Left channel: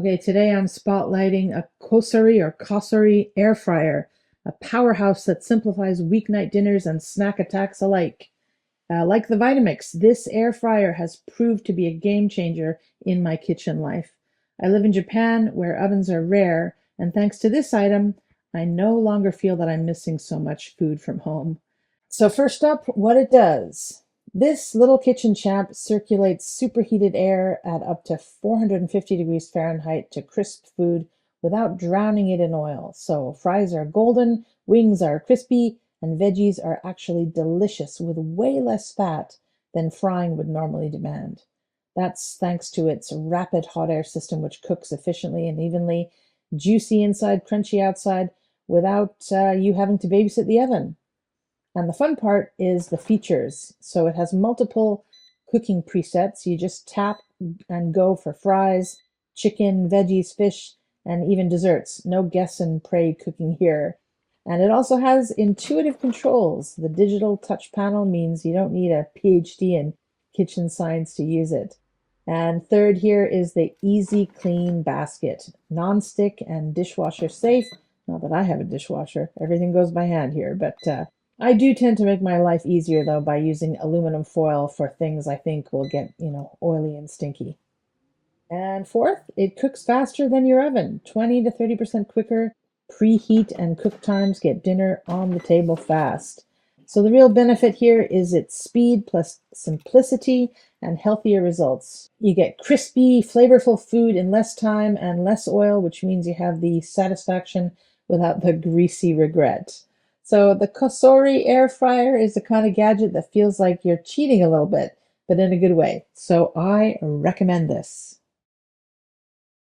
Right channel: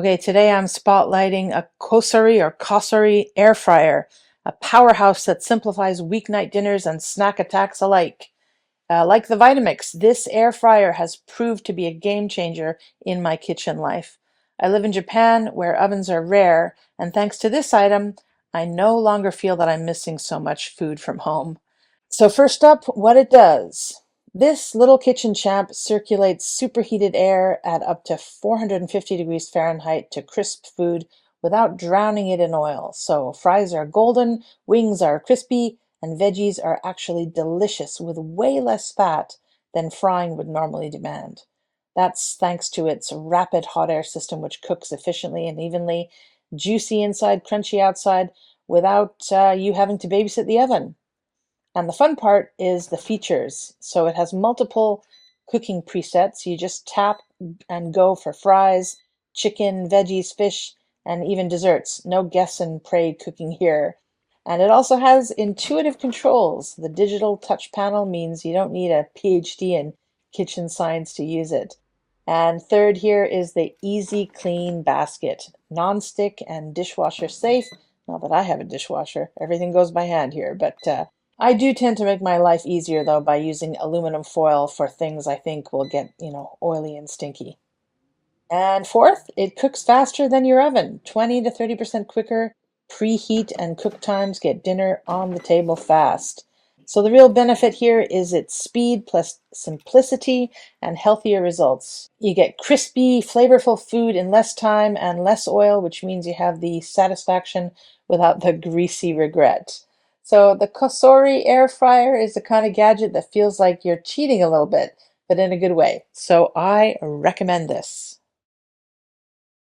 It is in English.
Okay, today I'm spotlighting a COSORI Air Fryer, a powerhouse that simplifies weeknight dinners and snack attacks alike. Like the Vitamix, this air fryer has proved to be a game changer in my kitchen life. I live in Japan where ovens are rare, and thanks to this item, I no longer feel that I'm missing so much food from home. So first up, what it does. This little kitchen champ circulates superheated air at up to 450 degrees Fahrenheit to crisp food without drowning it in oil. So fries are golden, wings are crispy, and veggies are actually delicious with way less fat than frying would normally demand. That's thanks to its rapid hot air system, which cooks efficiently and evenly, juicy inside, crunchy outside, without you having to babysit the oven. And the fun part is the features. So it has multiple cooking presets. You just tap and go for fries, chicken, veggies, fish, and even desserts. No guess and pray cooking here. And it also has intuitive controls. The digital touch panel means you don't need a PhD in kitchen science to use it. And third here is the Easy Clean basket. Non-stick and dishwasher safe. Not that I have a dishwasher. Everything goes by hand here, but I do tend to make my life easier though by using aluminum foil for things I think will get, oily and stinky. And fourth, it cooks faster than your oven, 20 to 30% quicker. Preheat and cook times get dinner on the table fast. So the real benefit here is its speed plus simplicity and healthier results. You get crispy, flavorful food in less time and less oil, which means you have the satisfaction without the greasy regret. So the COSORI Air Fryer is the kind of gadget that feels like you're cheating a little bit, but in a good way. So I recommend this.